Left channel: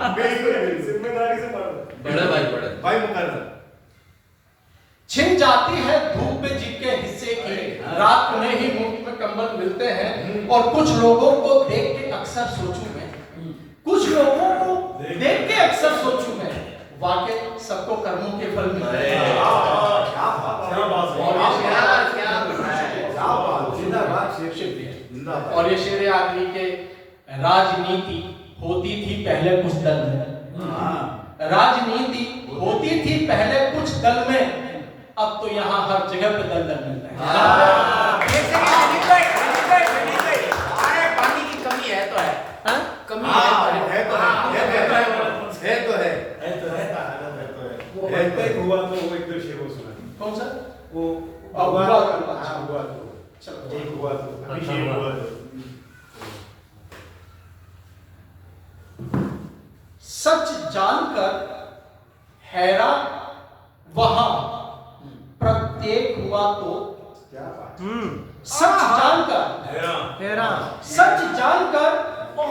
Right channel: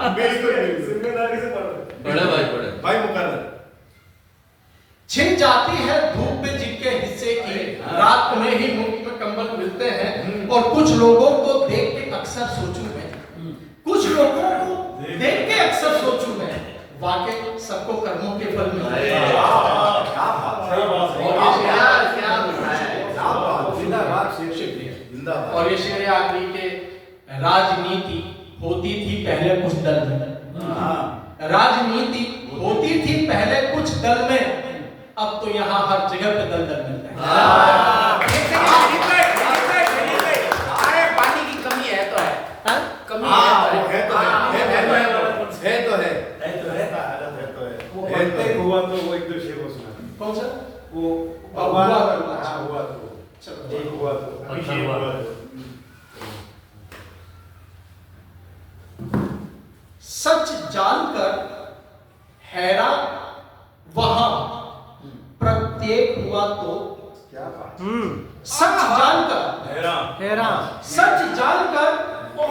जिम्मेदारी से पढ़ो। बड़े भाई मुकर्रर। छिन जाती है धूप में जिनके हिस्से की, रात में ही मुफ्त में कंबल मिलते हैं। और कुछ लोगों को देख के अक्सर सोचूं मैं, कुछ लोगों को देख के अक्सर सोचूं मैं, वाकई सबको कर्मों के फल मिलते हैं। और ये शेर आखिरी के राजनीति होती थी पहले कुछ दल में, राजनीति होती थी पहले कुछ दल में, अब तो यहाँ हर जगह पे दल दल मिलता है। अरे पानी की कमी है तो है, कमी वो प्रत्येक हुआ तो वो एक दूसरे को सुना। कौन सा? वो हुआ तो चलो एक हुआ तो अभी ये हुआ तो। सच जानकर हैरान वहां प्रत्येक हुआ तो, क्या बात। सच जानकर हैरान, सच जानकर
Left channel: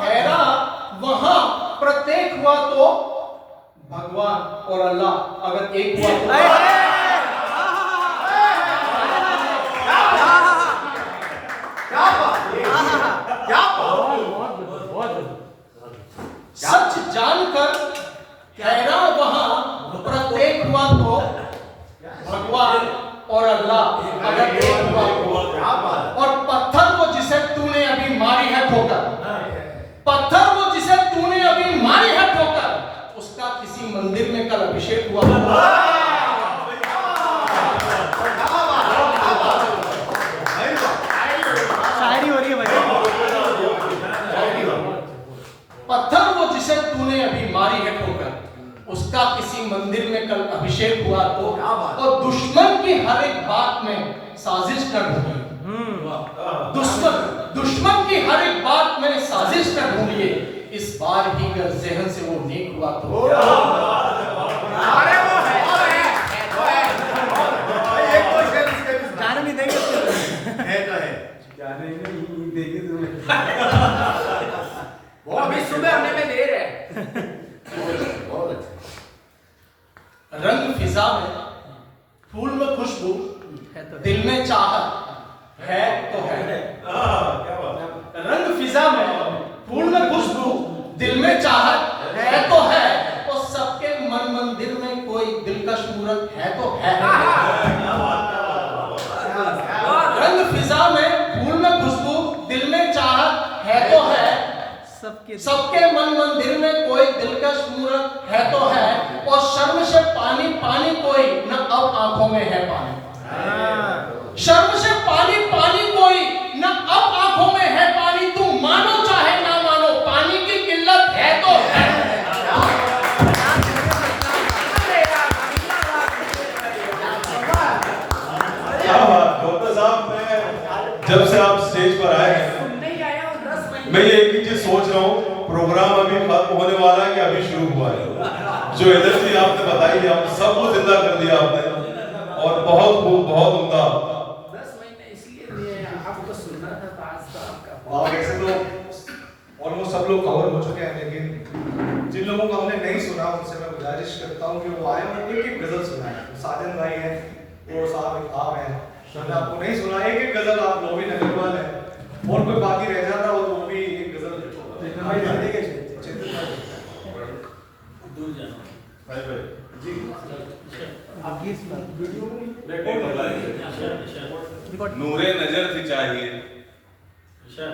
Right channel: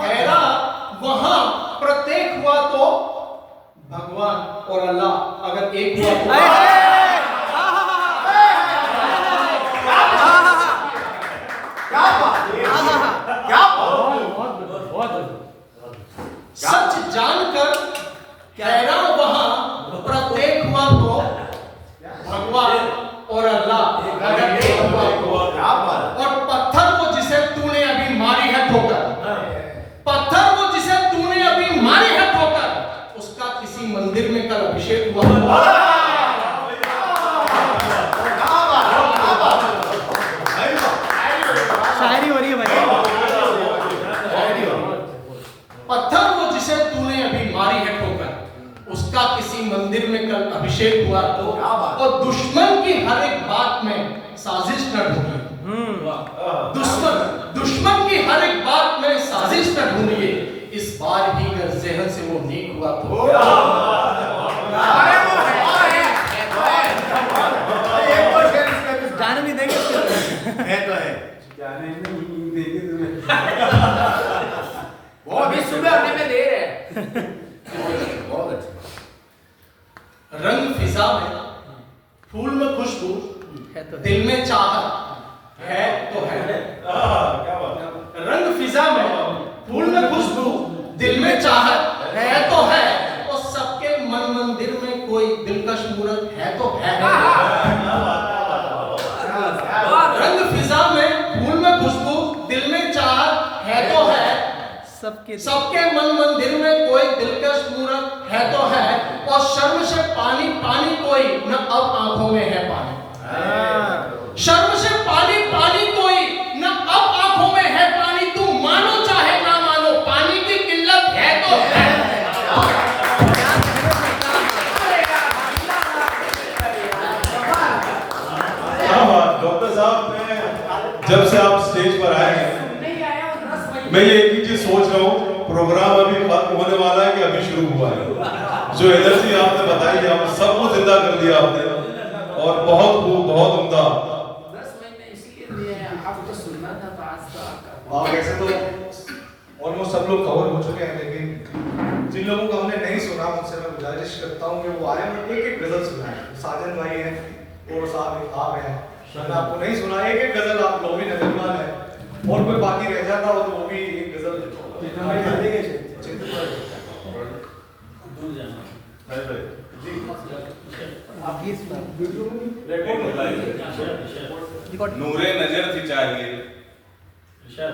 हैरान वहां प्रत्येक हुआ तो, भगवान और अल्लाह अगर एक हुआ तो। सच जानकर हैरान वहां प्रत्येक हुआ तो, भगवान और अल्लाह अगर एक हुआ तो। और पत्थर वो जिसे तूने अभी मारी है ठोकर, पत्थर वो जिसे तूने अभी मारी है ठोकर, उसका किसी मंदिर में कल अभिषेक हुआ। शायरी हो रही है भाई। पत्थर वो जिसे तूने अभी मारी है ठोकर, उसका किसी मंदिर में कल अभिषेक हुआ तो। और दुश्मन की हर एक बात में साजिश कर ढूंढिए, दुश्मन की हर एक बात में साजिश कर ढूंढिए, इस बार ही अगर ज़हन से वो नेक हुआ तो। अरे वो है गाना नहीं देंगे जाने नहीं देंगे तुम्हें। वो अभी सुबह होने में देर है। बहुत अच्छा। रंग फिजा में फूल में खुशबू, दिल में चाहत है तो है। क्या बात। रंग फिजा में फूल में खुशबू, दिल में चाहत है तो है। और सबके मन मंदिर में कोई दिलकश मूरत है तो है। रंग फिजा में फूल में खुशबू, दिल में चाहत है तो है। सबके मन मंदिर में कोई दिलकश मूरत है तो है। और शर्म से पानी पानी कोई न अब आंखों में है पानी, शर्म से पानी पानी कोई न अब आंखों में है पानी। तुम मानो चाहे ना मानो, पानी की किल्लत है तो है। डॉक्टर साहब, जब से आप स्टेज पर आए हैं मैं ये एक ही चीज सोच रहा हूँ, प्रोग्राम अभी खत्म होने वाला है कि अभी शुरू हुआ है। जो एनर्जी आपने बताई है, आप सबको जिंदा कर दिया आपने, और बहुत खूब, बहुत उम्दा। 10 महीने इसलिए दिए आपको सुनना था तो आज तो आपका। वैसे तो ऑलमोस्ट सब लोग कवर हो चुके हैं, लेकिन जिन लोगों को हमने नहीं सुना उनसे मैं गुजारिश करता हूँ कि वो आए और एक एक गजल सुनाएं। साजन भाई हैं और साहब आप हैं, मैंने आपको नहीं सुना, एक एक गजल आप लोग भी नगरवाल है, और कोई बाकी रह जाता हो तो वो भी एक गजल नूरे नजर थी चाहिए,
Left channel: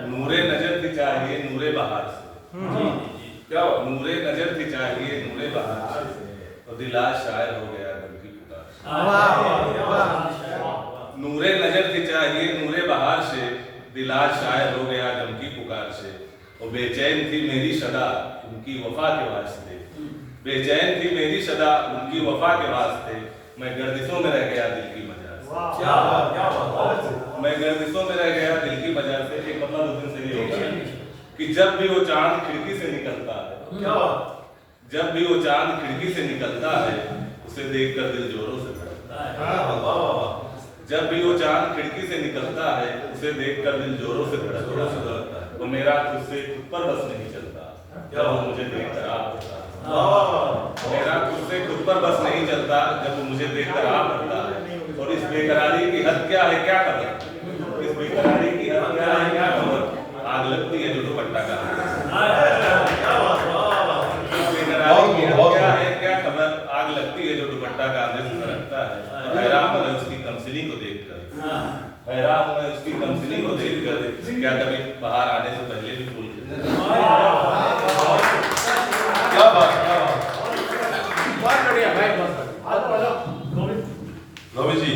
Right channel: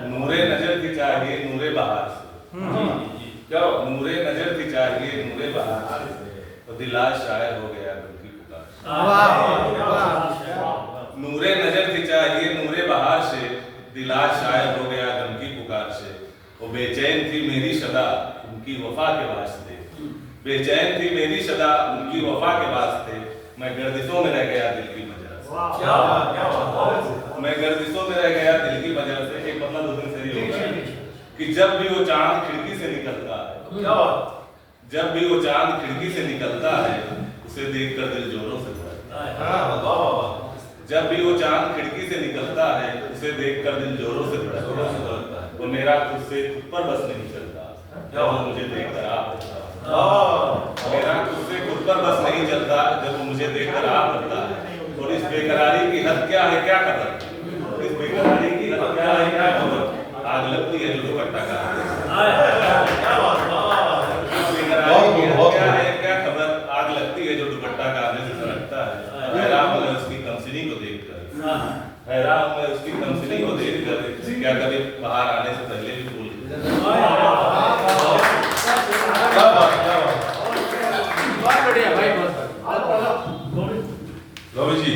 नूरे नजर थी चाहिए नूरे बहार से। क्या नूरे नजर थी चाहिए नूरे बहार से, और दिला शायर हो गया उनकी पुकार। नूरे नजर थी चाहिए नूरे बहार से, दिला शायर हो गया गम की पुकार से। वो बेचैन थी मेरी सदा उनकी वफा के वास्ते, बेचैन थी मेरी सदा उनकी वफा के वास्ते। मैं गर्दिशों में रह गया दिल की वजह से। क्या बात। मैं गर्दिशों में रह गया दिल की वजह से। एक मतलब उस दिन से ये होगा कि जब भी वो चांद खिड़की से निकलता है, क्या बात। जब भी वो चांद खिड़की से निकलता है, उसे देखकर दिल जोरों से धड़कता है। जब भी वो चांद खिड़की से निकलता है, उसे देखकर दिल जोरों से धड़कता है। वो मेरा खुद से खुद पर बस नहीं चलता, जब वो मुझे देखकर आप मेरा खुद से खुद पर बस नहीं चलता जब वो मुझे देखकर आ पड़ता है। और इस बेकरारी की हद क्या है क्या खबर, इस बेकरारी की हद क्या है क्या खबर, आग लगती है जो दुपट्टा का क्या है क्या खबर, आग लगती है जो दुपट्टा कांधे से सरकता है। हैरान मैं उसकी कमसिनी को देखकर, हैरान मैं उसकी कमसिनी को देखकर, क्या कभी बाहर आने से पहले भी भूल क्या बात, क्या बात। बहुत बढ़िया भाई, बहुत गोविंद जी